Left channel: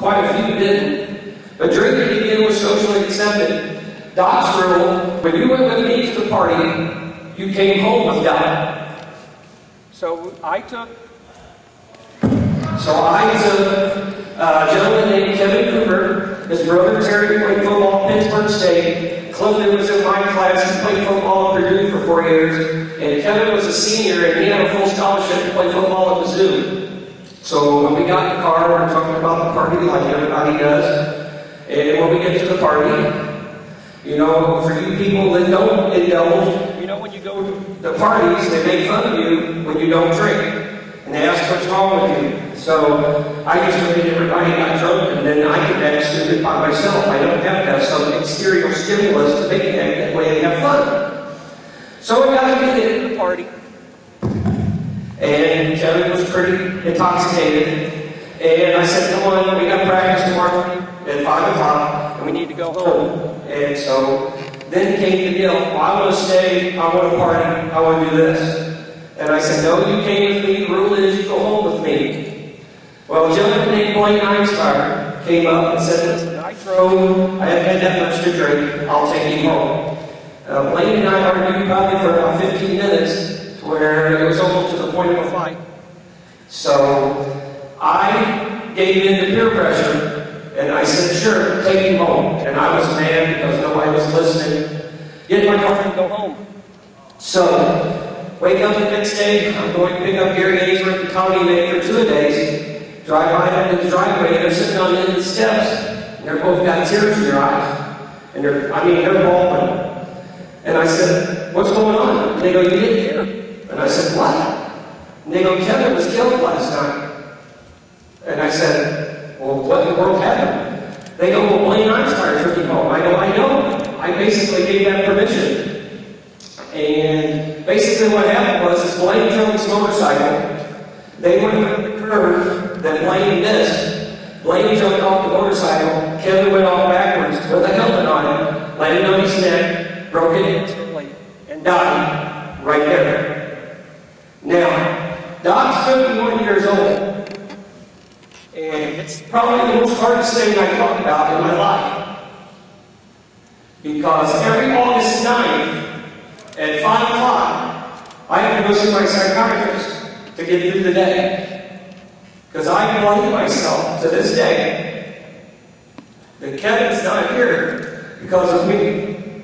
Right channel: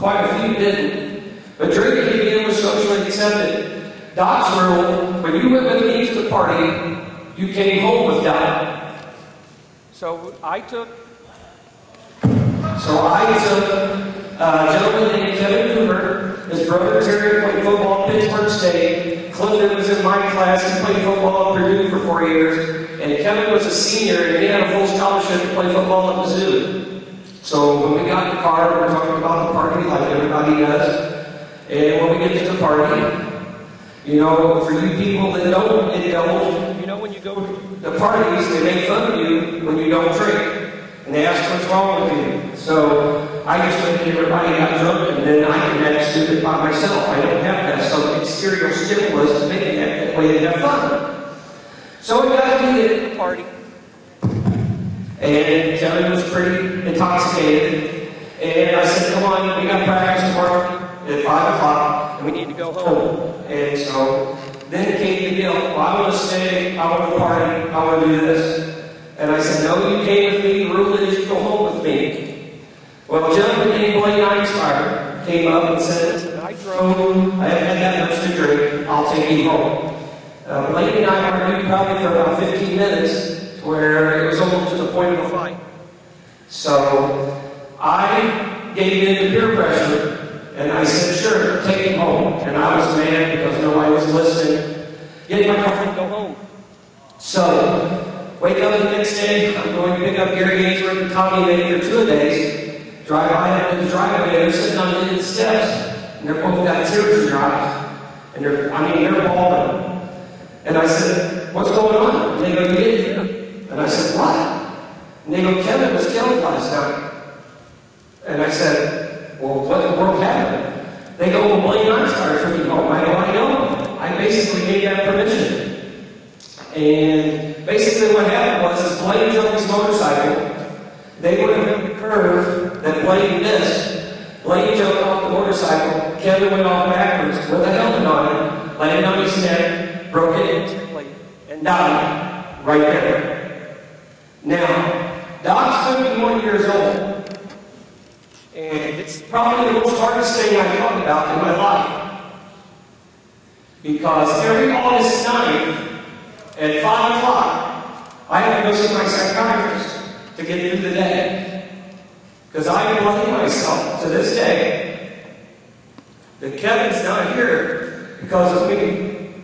Quite a few didn't. But drinking again was socially accepted. Doc's rule, when you went with me to the party, you came home with Doc. So I took a gentleman named Kevin Cooper, his brother Terry played football at Pittsburgh State, Clinton was in my class, he played football at Purdue for 4 years, and Kevin was a senior and he had a full scholarship to play football at Mizzou. So when we got in the car, we talked about the party like everybody does, and when we get to the party, you know, for you people that don't get old, you know, when you go to parties, they make fun of you when you don't drink. And they ask what's wrong with you. So I just look at everybody got drunk, and then I can manage to do it by myself. I don't have to have some exterior stimulus to make that way they have fun. So we got to get to the party. And Kevin was pretty intoxicated. And I said, come on, we got practice tomorrow at 5 o'clock, and we need to go home. And so then came the deal. Well, I want to stay, I want to party, I want to do this. And I said, no, you came with me, the rule is you go home with me. Well, a gentleman named Blaine Einstein came up and said, listen, I haven't had that much to drink, I'll take you home. Blaine and I argued about it for about 15 minutes, where it was almost to the point of a fight. So I gave in to peer pressure, and I said, sure, take him home. And I was mad because nobody was listening. Get my girlfriend, go home. So, wake up the next day, I'm going to pick up Gary Ainsworth and Tommy May for 2 days. Drive by them in the driveway, they're sitting on the end of the steps. And they're both got tears in their eyes. And they're bawling. And I said, what's going on? And they go, you didn't hear. And I said, what? And they go, Kevin was killed last night. And I said, well, what in the world happened? They go, well, Blaine Einstein took you home. I know. I basically gave that permission. And basically what happened was Blaine drove his motorcycle. They went around the curve that Blaine missed. Blaine jumped off the motorcycle. Kevin went off backwards with a helmet on him, landed on his neck, broke it instantly, and died right there. Now, Doc's 31 years old, and it's probably the most hardest thing I've talked about in my life. Because every August 9th, at 5 o'clock, I have to go see my psychiatrist to get through the day. Because I blame myself to this day that Kevin's not here because of me.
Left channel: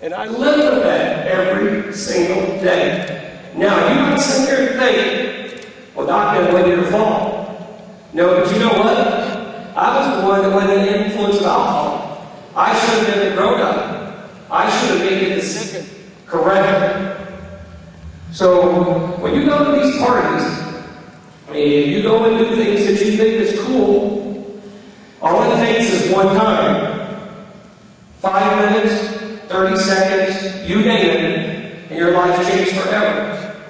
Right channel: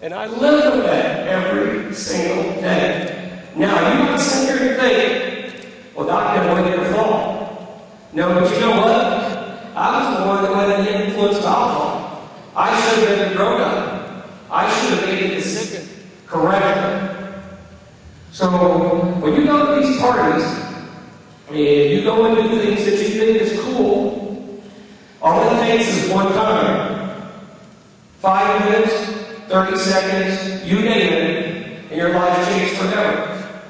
And I live with that every single day. Now, you might sit there and think, well, Doc never went there to fall. No, but you know what? I was the one that let the influence of alcohol. I should have been the grown-up. I should have made it the second. Correct. So, when you go to these parties, and you go into things that you think is cool, all it takes is one time. 5 minutes, 30 seconds, you name it, and your life changes forever.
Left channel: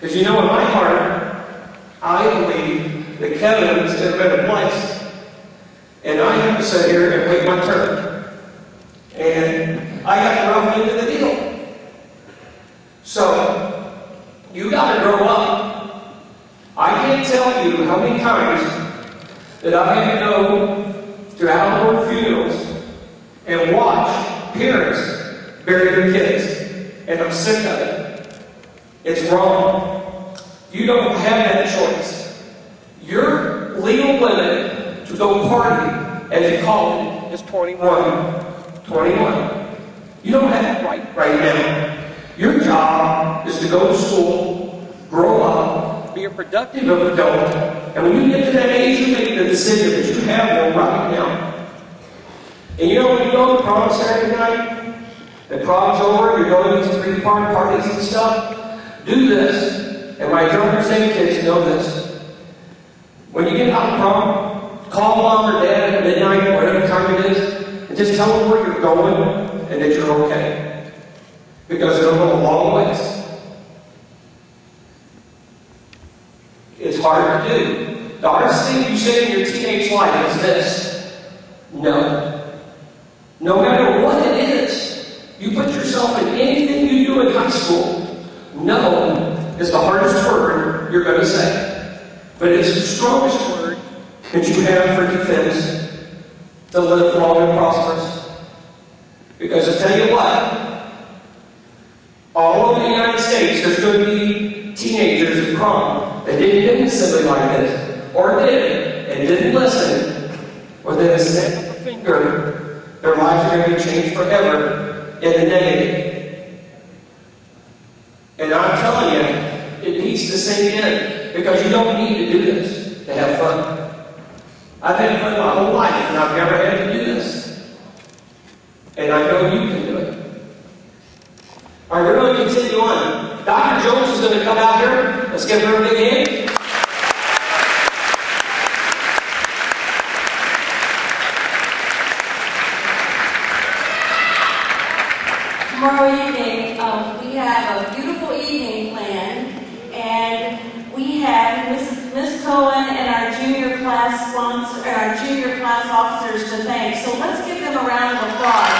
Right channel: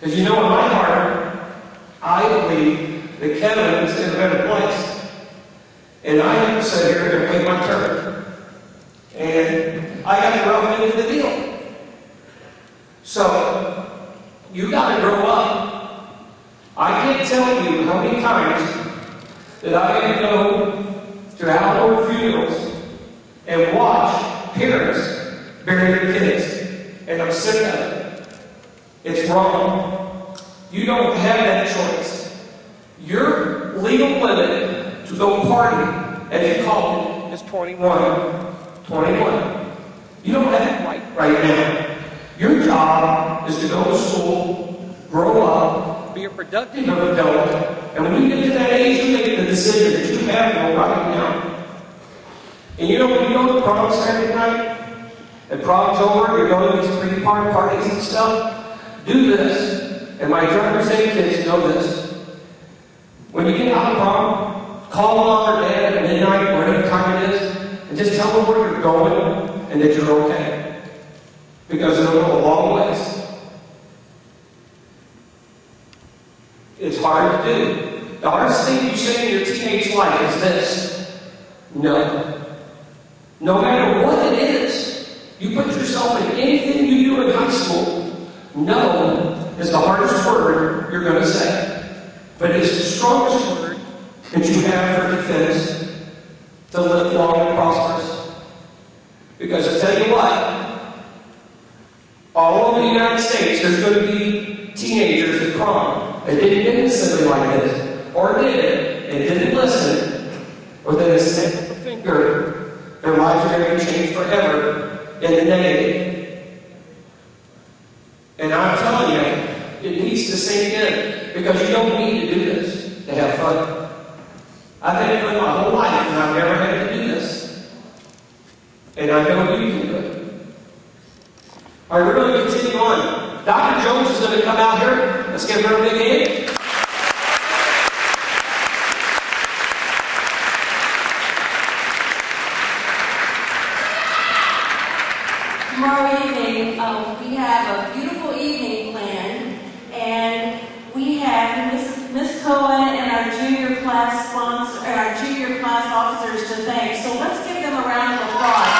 Because you know, in my heart, I believe that Kevin is in a better place. And I have to sit here and wait my turn. And I got to rough into the deal. So, you got to grow up. I can't tell you how many times that I have to go to outdoor funerals and watch parents bury their kids. And I'm sick of it. It's wrong. You don't have that choice. Your legal limit to go party, as you call it, is 21. 21. You don't have that right now. Your job is to go to school, grow up, be a productive adult, and when you get to that age, you make the decision that you have no right now. And you know when you go to prom Saturday night, and prom's over, you're going to these 3-part parties and stuff, do this, and my drivers and kids know this. When you get out of prom, call mom or dad at midnight, whatever time it is, and just tell them where you're going and that you're okay. Because it'll go a long ways. It's hard to do. The hardest thing you say in your teenage life is this. No. No matter what it is, you put yourself in anything you do in high school, no is the hardest word you're going to say. But it's the strongest word that you have for defense to live long and prosperous. Because I tell you what, all over the United States, there's going to be teenagers of prom that didn't do something like this, or did it, and didn't listen, or then a snap of a finger, their lives are going to change forever in a day. And I'm telling you, it needs to sink in, because you don't need to do this to have fun. I've had fun my whole life, and I've never had to do this. And I know you can do it. All right, we're going to continue on. Dr. Jones is going to come out here. Let's give her a big hand. Tomorrow evening, we have a beautiful evening planned, and we have Miss Cohen and our junior class sponsor, our junior class officers to thank. So let's give them a round of applause.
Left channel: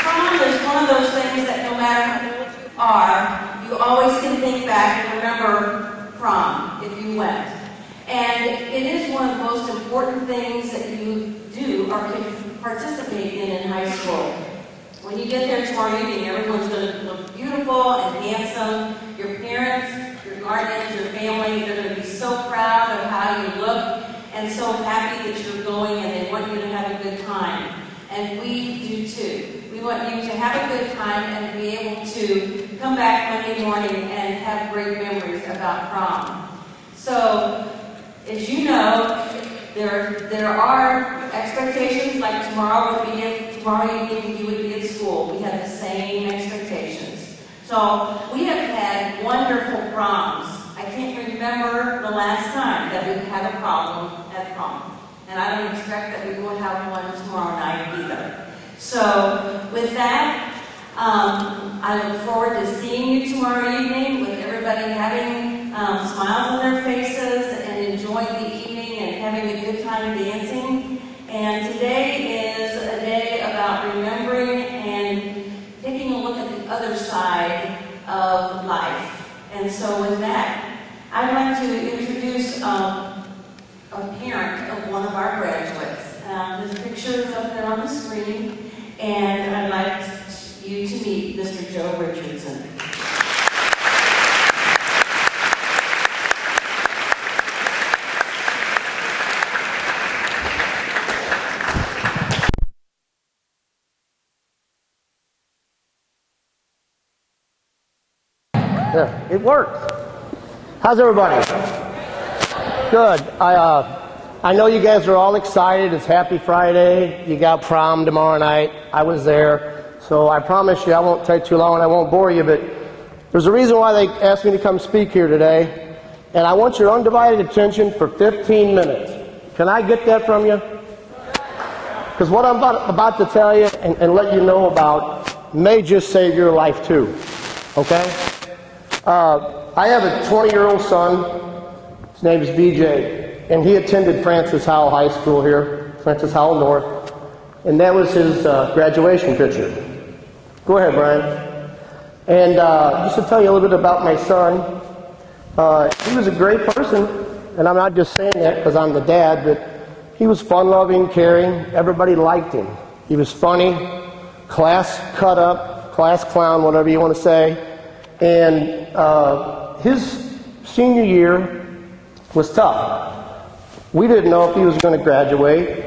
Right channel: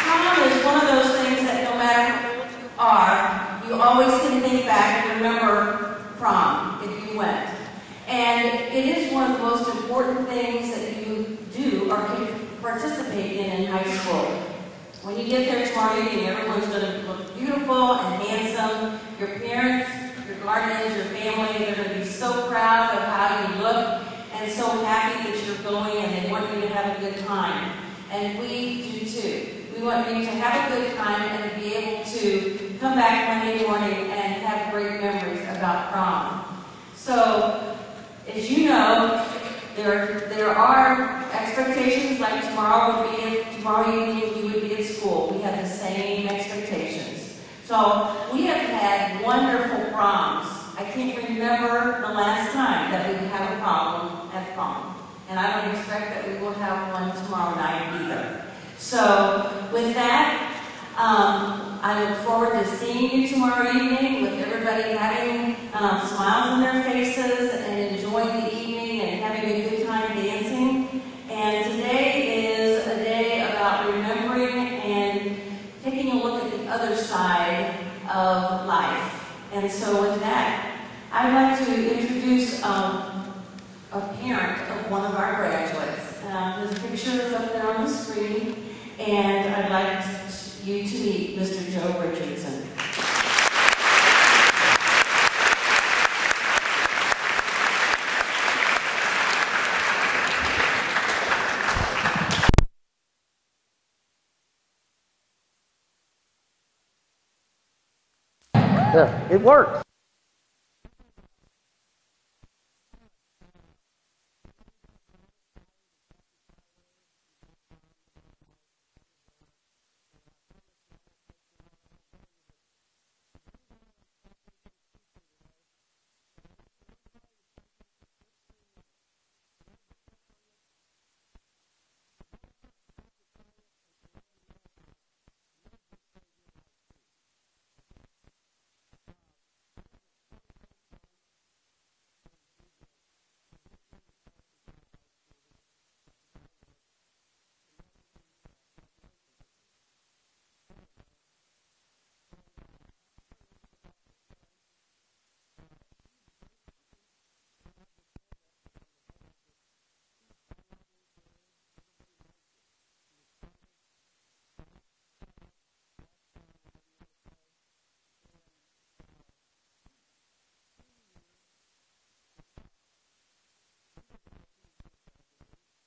Prom is one of those things that no matter how old you are, you always can think back and remember prom if you went. And it is one of the most important things that you do or can participate in high school. When you get there tomorrow evening, everyone's going to look beautiful and handsome. Your parents, your guardians, your family, they're going to be so proud of how you look and so happy that you're going, and they want you to have a good time. And we do too. We want you to have a good time and be able to come back Monday morning and have great memories about prom. So, as you know, there are expectations like tomorrow evening you would be at school. We have the same expectations. So we have had wonderful proms. I can't remember the last time that we had a problem at prom. And I don't expect that we will have one tomorrow night either. So with that, I look forward to seeing you tomorrow evening with everybody having smiles on their faces and enjoying the evening and having a good time dancing. And today is a day about remembering and taking a look at the other side of life. And so with that, I'd like to introduce a parent of one of our graduates. His picture is up there on the screen, and I'd like you to meet Mr. Joe Richardson. Yeah, it works. How's everybody? Good. I know you guys are all excited. It's Happy Friday. You got prom tomorrow night. I was there. So I promise you I won't take too long and I won't bore you, but there's a reason why they asked me to come speak here today. And I want your undivided attention for 15 minutes. Can I get that from you? Because what I'm about to tell you and let you know about may just save your life too. Okay? I have a 20-year-old son. His name is BJ, and he attended Francis Howell High School here, Francis Howell North, and that was his graduation picture. Go ahead, Brian. And just to tell you a little bit about my son, he was a great person, and I'm not just saying that because I'm the dad, but he was fun-loving, caring. Everybody liked him. He was funny, class cut up, class clown, whatever you want to say. And his senior year was tough. We didn't know if he was going to graduate.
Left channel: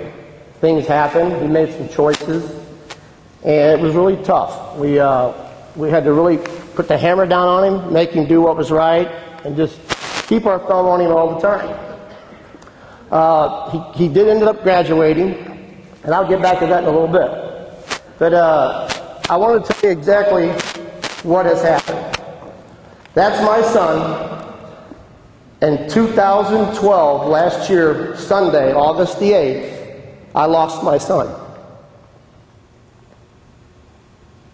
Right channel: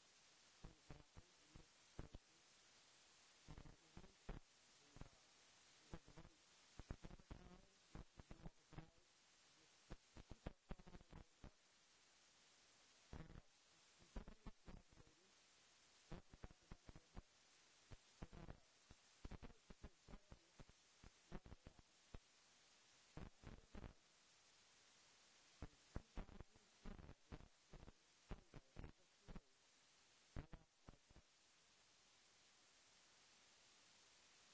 Things happened. He made some choices, and it was really tough. We had to really put the hammer down on him, make him do what was right, and just keep our thumb on him all the time. He did end up graduating, and I'll get back to that in a little bit. But I want to tell you exactly what has happened. That's my son. In 2012, last year, Sunday, August the 8th, I lost my son.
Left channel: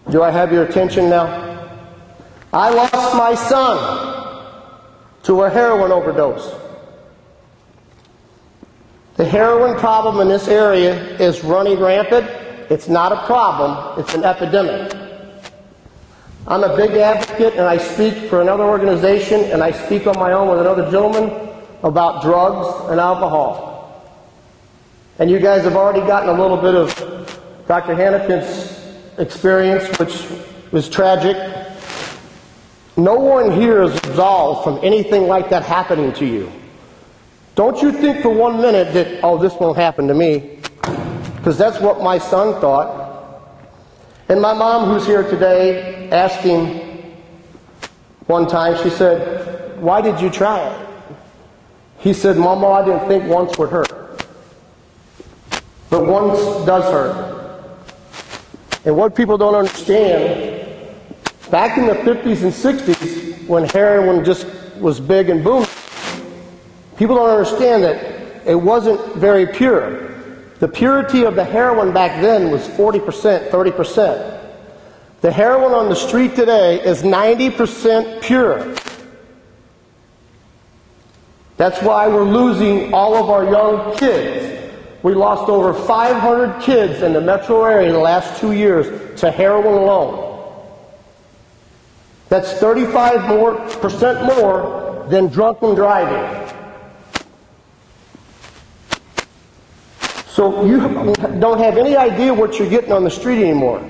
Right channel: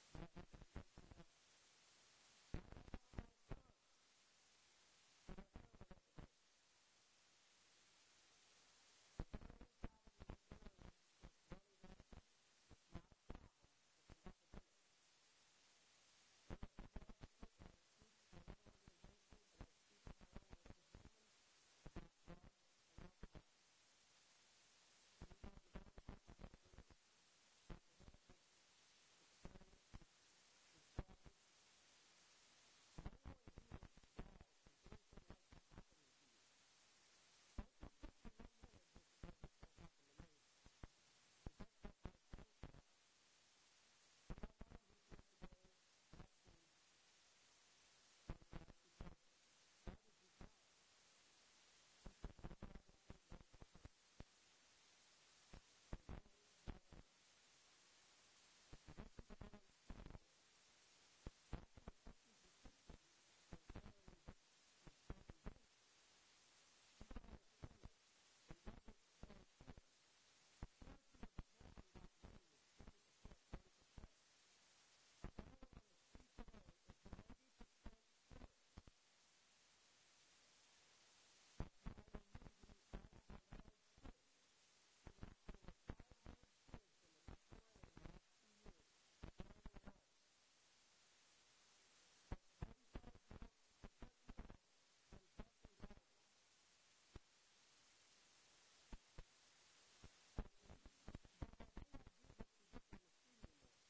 Do I have your attention now? I lost my son to a heroin overdose. The heroin problem in this area is running rampant. It's not a problem, it's an epidemic. I'm a big advocate, and I speak for another organization, and I speak on my own with another gentleman about drugs and alcohol. And you guys have already gotten a little bit of Dr. Hannikin's experience, which was tragic. No one here is absolved from anything like that happening to you. Don't you think for 1 minute that, oh, this won't happen to me, because that's what my son thought. And my mom, who's here today, asked him one time, she said, why did you try it? He said, Mama, I didn't think once would hurt. But once does hurt. And what people don't understand, back in the 50s and 60s, when heroin just was big and booming, people don't understand that it wasn't very pure. The purity of the heroin back then was 40%, 30%. The heroin on the street today is 90% pure. That's why we're losing all of our young kids. We lost over 500 kids in the metro area in the last 2 years to heroin alone. That's 35% more than drunken driving. So you don't have any idea what you're getting on the street anymore.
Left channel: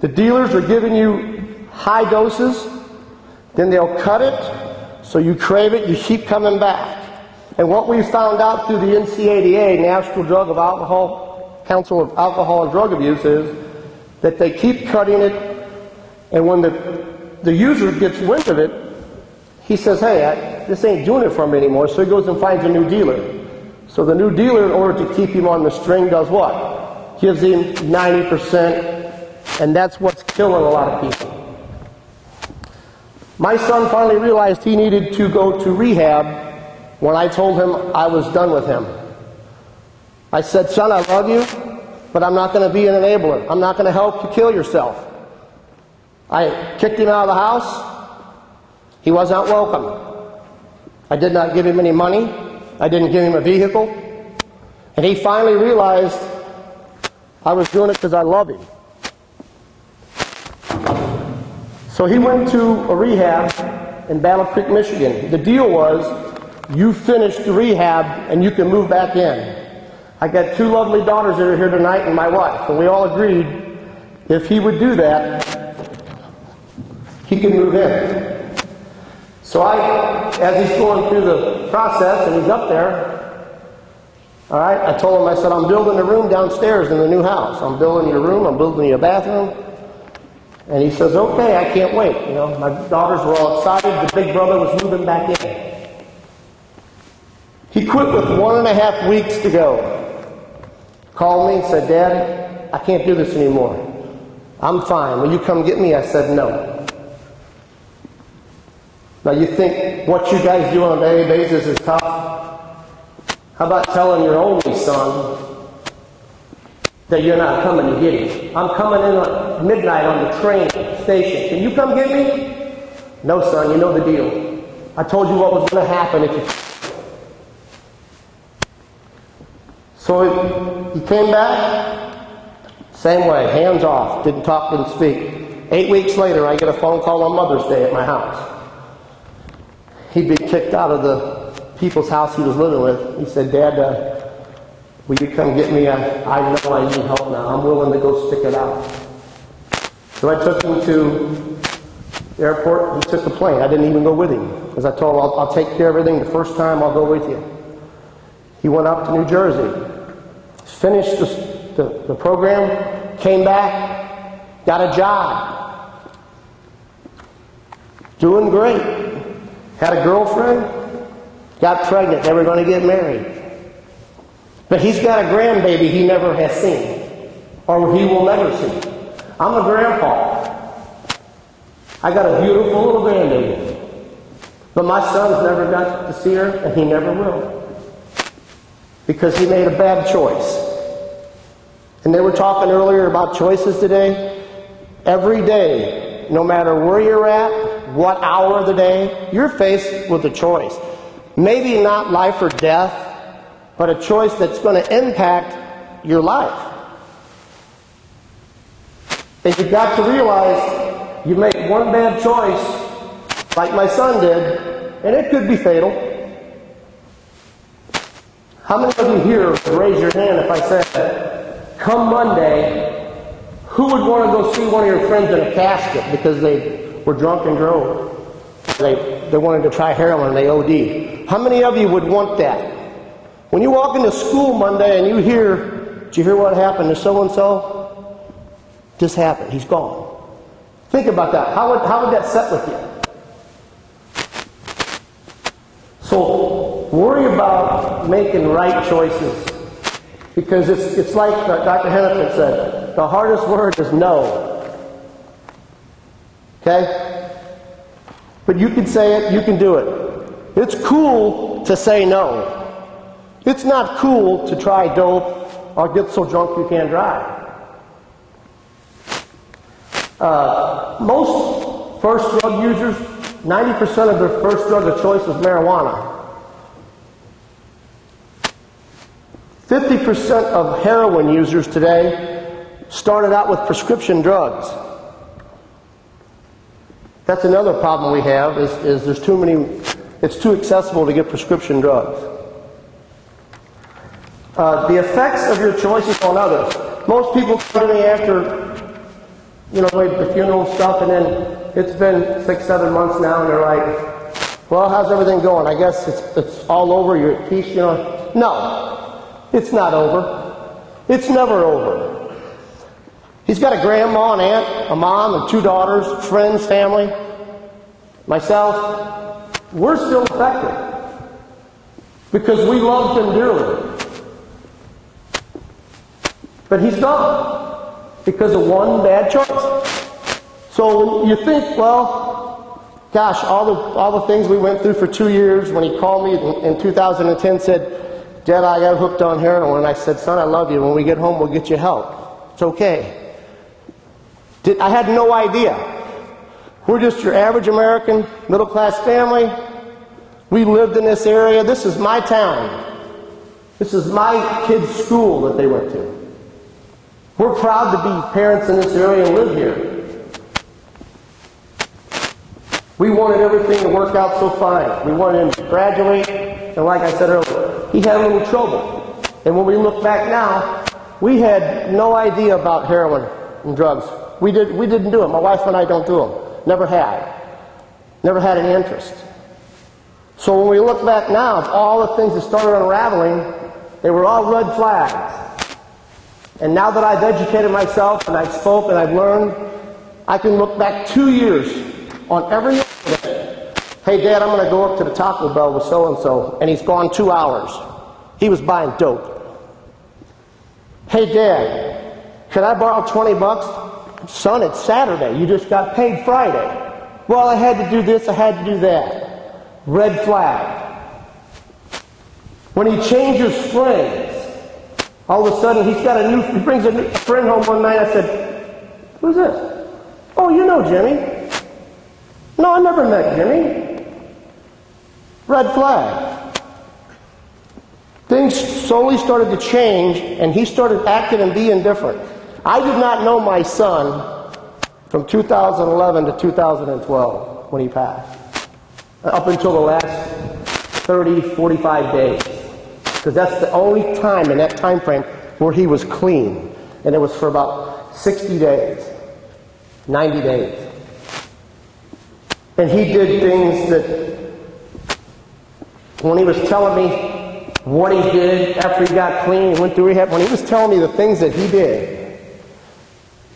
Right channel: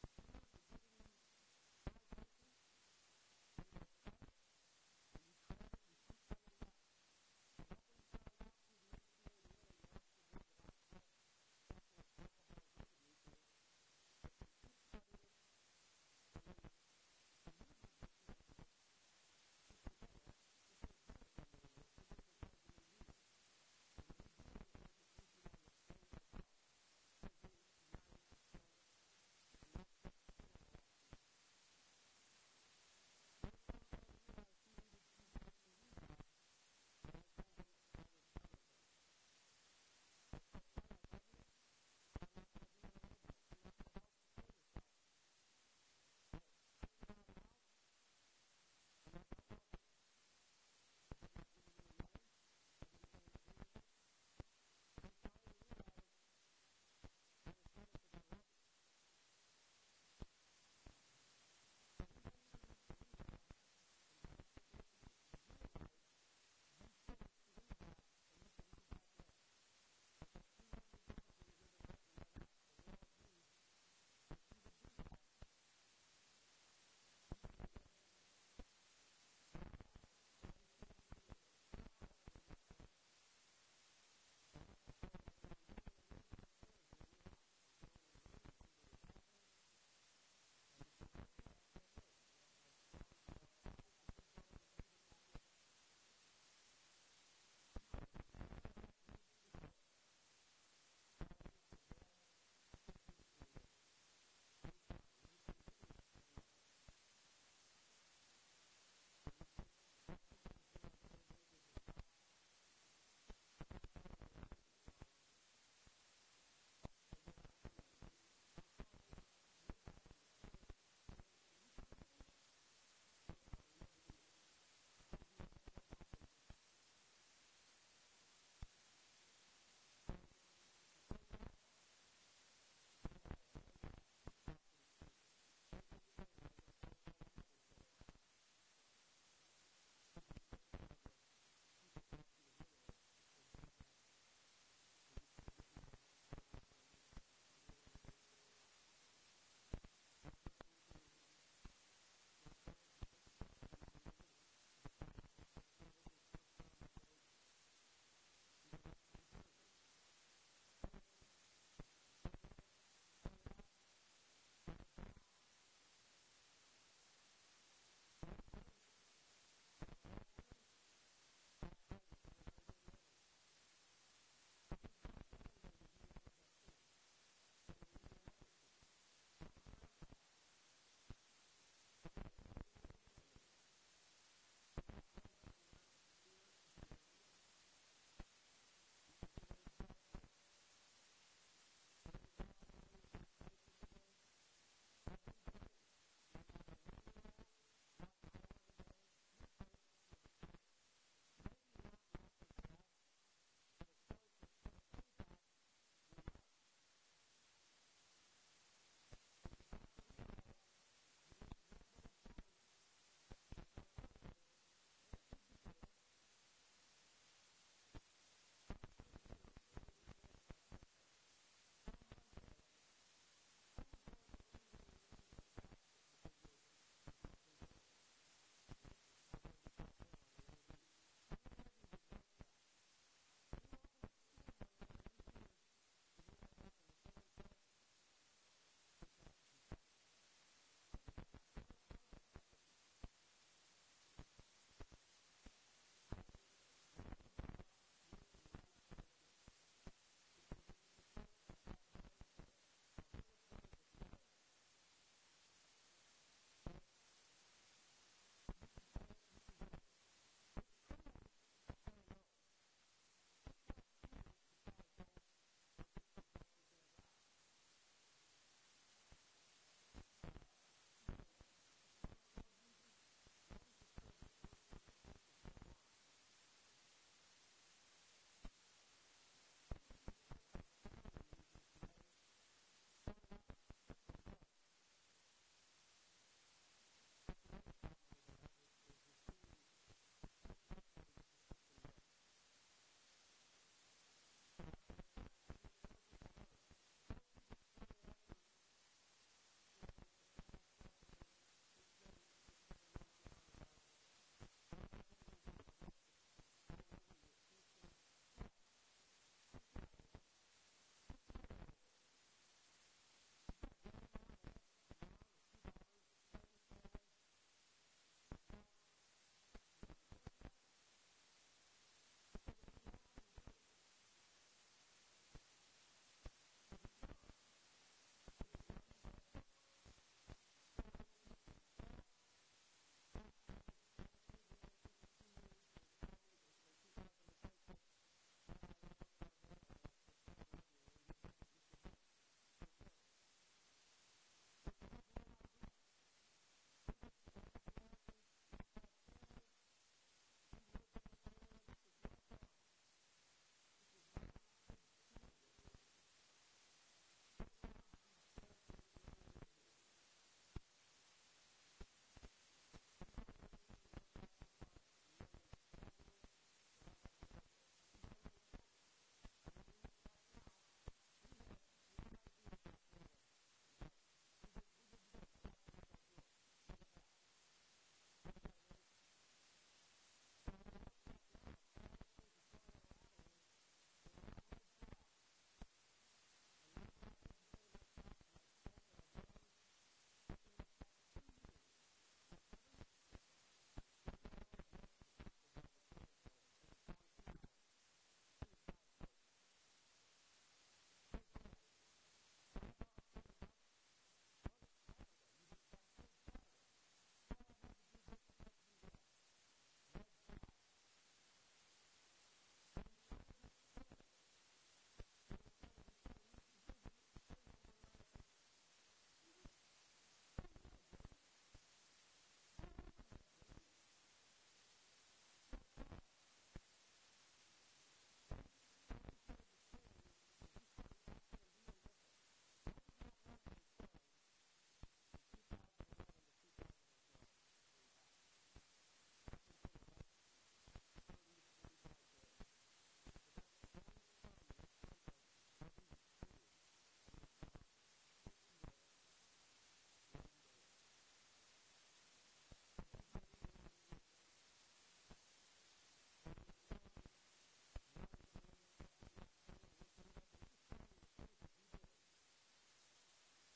The dealers are giving you high doses, then they'll cut it, so you crave it, you keep coming back. And what we found out through the NCADA, National Council of Alcohol and Drug Abuse, is that they keep cutting it, and when the user gets wind of it, he says, hey, this ain't doing it for me anymore, so he goes and finds a new dealer. So the new dealer, in order to keep him on the string, does what? Gives him 90%, and that's what's killing a lot of people. My son finally realized he needed to go to rehab when I told him I was done with him. I said, son, I love you, but I'm not going to be an enabler. I'm not going to help you kill yourself. I kicked him out of the house. He was not welcome. I did not give him any money. I didn't give him a vehicle. And he finally realized I was doing it because I love him. So he went to a rehab in Battle Creek, Michigan. The deal was, you finish the rehab and you can move back in. I got 2 lovely daughters that are here tonight and my wife, and we all agreed if he would do that, he could move in. So as he's going through the process and he's up there, all right, I told him, I said, I'm building a room downstairs in the new house. I'm building your room, I'm building you a bathroom. And he says, okay, I can't wait. You know, my daughters were all excited. The big brother was moving back in. He quit with 1.5 weeks to go. Called me and said, Dad, I can't do this anymore. I'm fine. Will you come get me? I said, no. Now you think what you guys do on a daily basis is tough? How about telling your only son that you're not coming to get him? I'm coming in at midnight on the train station. Can you come get me? No, son, you know the deal. I told you what was going to happen if you... So he came back, same way, hands off, didn't talk, didn't speak. 8 weeks later, I get a phone call on Mother's Day at my house. He'd been kicked out of the people's house he was living with. He said, Dad, will you come get me? I know I need help now. I'm willing to go stick it out. So I took him to the airport. He took the plane. I didn't even go with him because I told him, I'll take care of everything. The first time, I'll go with you. He went up to New Jersey, finished the program, came back, got a job, doing great. Had a girlfriend, got pregnant, they were going to get married. But he's got a grandbaby he never has seen, or he will never see. I'm a grandpa. I got a beautiful little grandbaby. But my son's never got to see her, and he never will. Because he made a bad choice. And they were talking earlier about choices today. Every day, no matter where you're at, what hour of the day, you're faced with a choice. Maybe not life or death, but a choice that's going to impact your life. And you've got to realize you make one bad choice, like my son did, and it could be fatal. How many of you here would raise your hand if I said, come Monday, who would want to go see one of your friends in a casket because they were drunk and drove? They wanted to try heroin and they OD. How many of you would want that? When you walk into school Monday and you hear, did you hear what happened to so-and-so? This happened. He's gone. Think about that. How would that set with you? So worry about making right choices. Because it's like Dr. Hennepin said, the hardest word is no. Okay? But you can say it, you can do it. It's cool to say no. It's not cool to try dope or get so drunk you can't drive. Most first drug users, 90% of their first drug of choice is marijuana. 50% of heroin users today started out with prescription drugs. That's another problem we have, is there's too many, it's too accessible to get prescription drugs. The effects of your choices on others. Most people come to me after, the funeral stuff, and then it's been 6-7 months now, and they're like, well, how's everything going? I guess it's all over, you're at peace, No, it's not over. It's never over. He's got a grandma, an aunt, a mom, and 2 daughters, friends, family, myself. We're still affected because we loved him dearly. But he's gone because of one bad choice. So you think, well, gosh, all the things we went through for 2 years. When he called me in 2010, said, Dad, I got hooked on heroin. And I said, son, I love you. When we get home, we'll get you help. It's okay. I had no idea. We're just your average American, middle-class family. We lived in this area. This is my town. This is my kids' school that they went to. We're proud to be parents in this area and live here. We wanted everything to work out so fine. We wanted him to graduate, and like I said earlier, he had a little trouble. And when we look back now, we had no idea about heroin and drugs. We didn't do it. My wife and I don't do them. Never had. Never had any interest. So when we look back now, all the things that started unraveling, they were all red flags. And now that I've educated myself and I've spoke and I've learned, I can look back 2 years on every incident. Hey, Dad, I'm going to go up to the Taco Bell with so-and-so, and he's gone 2 hours. He was buying dope. Hey, Dad, could I borrow 20 bucks? Son, it's Saturday. You just got paid Friday. Well, I had to do this, I had to do that. Red flag. When he changes friends, all of a sudden he brings a new friend home one night. I said, who's this? Oh, you know Jimmy. No, I never met Jimmy. Red flag. Things slowly started to change, and he started acting and being different. I did not know my son from 2011 to 2012 when he passed, up until the last 30, 45 days. Because that's the only time in that time frame where he was clean. And it was for about 60 days, 90 days. And he did things that, when he was telling me what he did after he got clean, he went through rehab, when he was telling me the things that he did,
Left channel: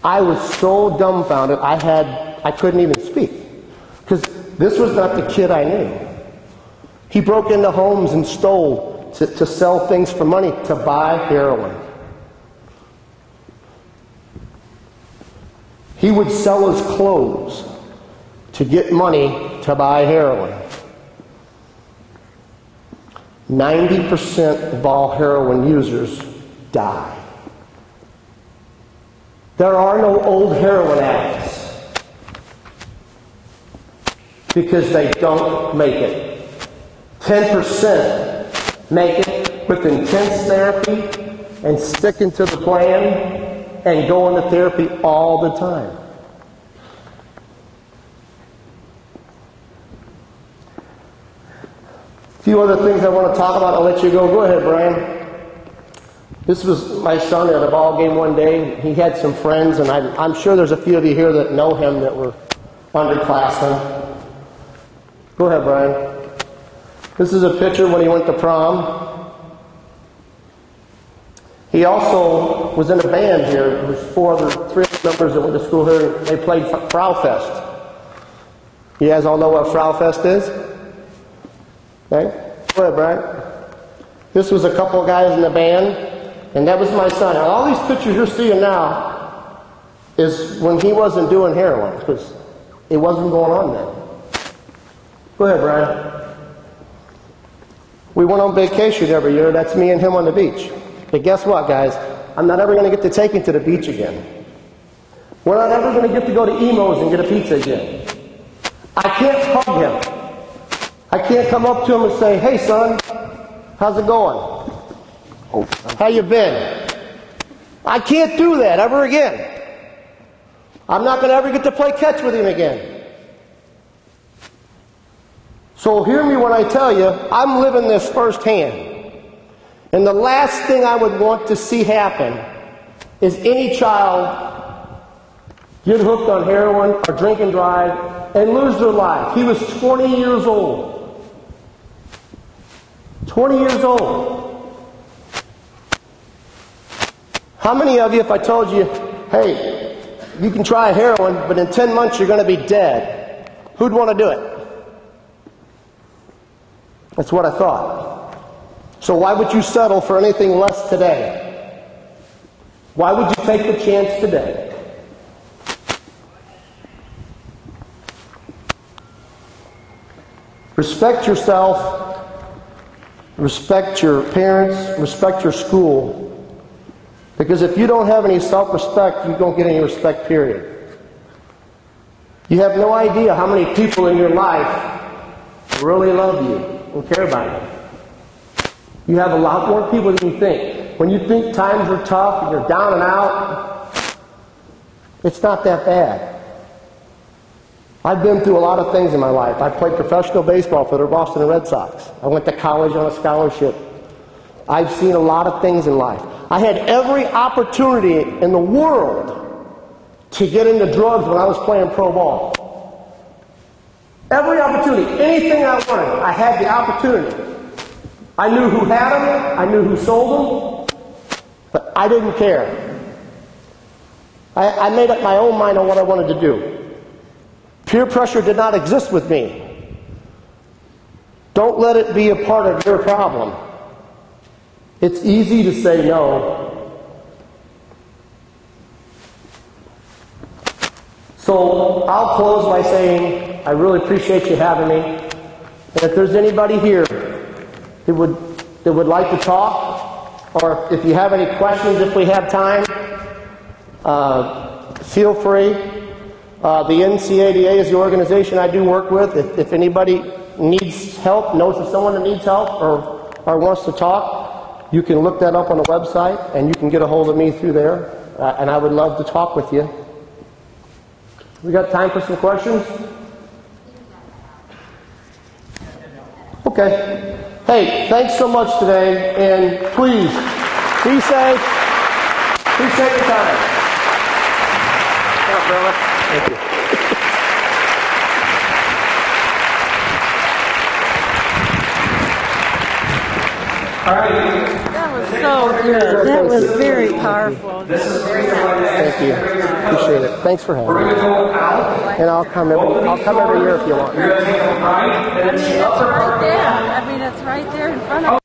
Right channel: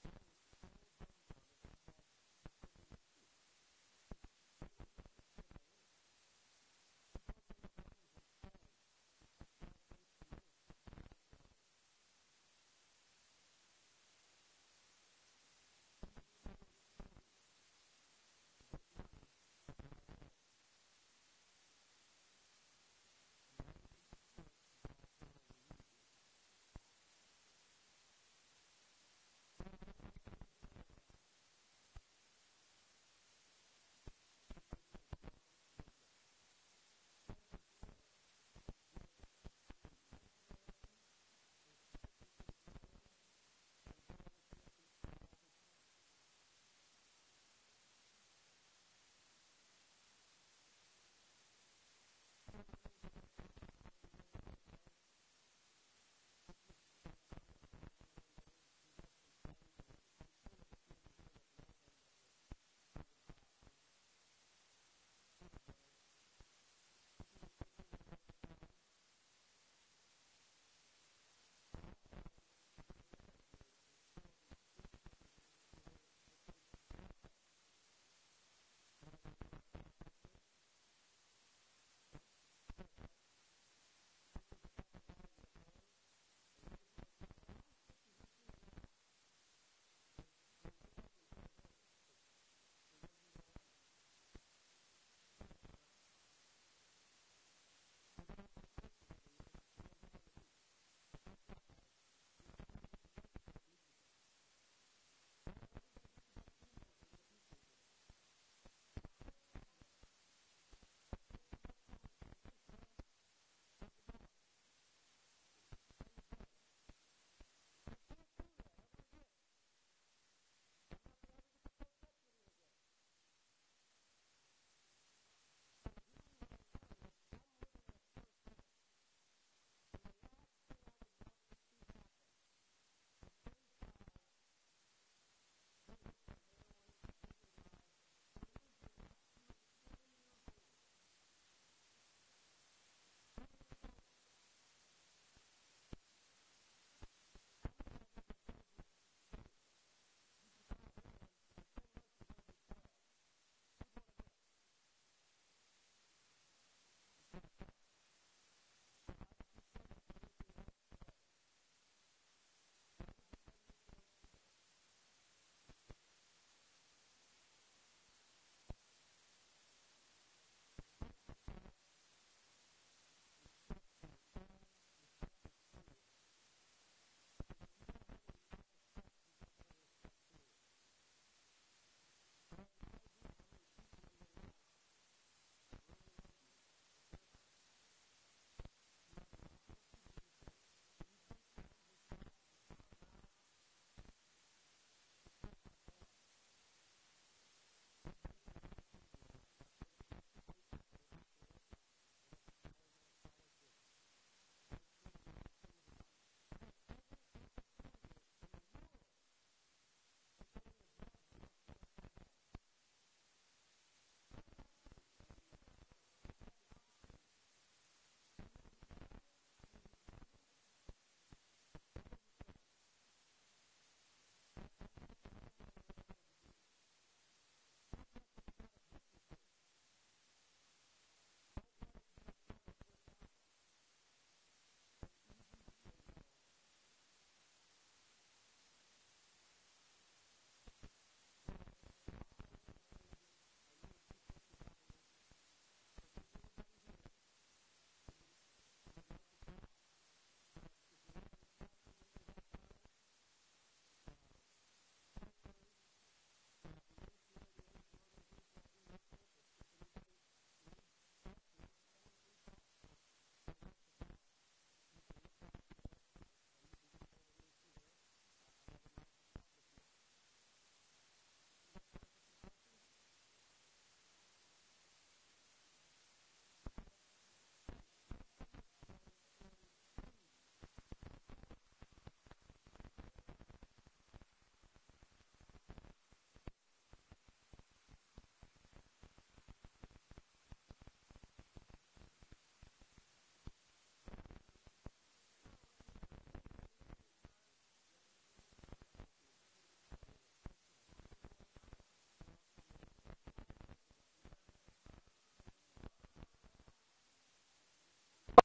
I was so dumbfounded I couldn't even speak. Because this was not the kid I knew. He broke into homes and stole to sell things for money, to buy heroin. He would sell his clothes to get money to buy heroin. 90% of all heroin users die. There are no old heroin addicts because they don't make it. 10% make it with intense therapy and sticking to the plan and going to therapy all the time. few other things I want to talk about. I'll let you go. Go ahead, Brian. This was my son at a ball game one day. He had some friends, and I'm sure there's a few of you here that know him that were underclassmen. Go ahead, Brian. This is a picture when he went to prom. He also was in a band here. There was three other members that went to school here. They played Frau Fest. You guys all know what Frau Fest is? Okay? Go ahead, Brian. This was a couple of guys in the band, and that was my son. And all these pictures you're seeing now is when he wasn't doing heroin, because it wasn't going on then. Go ahead, Brian. We went on vacation every year. That's me and him on the beach. But guess what, guys? I'm not ever going to get to take him to the beach again. We're not ever going to get to go to Emo's and get a pizza again. I can't hug him. I can't come up to him and say, hey, son, how's it going? How you been? I can't do that ever again. I'm not going to ever get to play catch with him again. So hear me when I tell you, I'm living this firsthand. And the last thing I would want to see happen is any child get hooked on heroin or drink and drive and lose their life. He was 20 years old. 20 years old. How many of you, if I told you, hey, you can try heroin, but in 10 months you're going to be dead, who'd want to do it? That's what I thought. So why would you settle for anything less today? Why would you take the chance today? Respect yourself, respect your parents, respect your school. Because if you don't have any self-respect, you don't get any respect, period. You have no idea how many people in your life really love you and care about you. You have a lot more people than you think. When you think times are tough and you're down and out, it's not that bad. I've been through a lot of things in my life. I played professional baseball for the Boston Red Sox. I went to college on a scholarship. I've seen a lot of things in life. I had every opportunity in the world to get into drugs when I was playing pro ball. Every opportunity, anything I wanted, I had the opportunity. I knew who had them, I knew who sold them, but I didn't care. I made up my own mind on what I wanted to do. Peer pressure did not exist with me. Don't let it be a part of your problem. It's easy to say no. So I'll close by saying I really appreciate you having me. And if there's anybody here that would like to talk, or if you have any questions, if we have time, feel free. The NCADA is the organization I do work with. If anybody needs help, knows of someone that needs help, or wants to talk, you can look that up on the website, and you can get a hold of me through there, and I would love to talk with you. We got time for some questions? Okay. Hey, thanks so much today, and please, be safe. Appreciate your time. Thank you. All right. That was so good. That was very powerful. Thank you. Appreciate it. Thanks for having me. And I'll come every year if you want. I mean, it's right there. I mean, it's right there in front of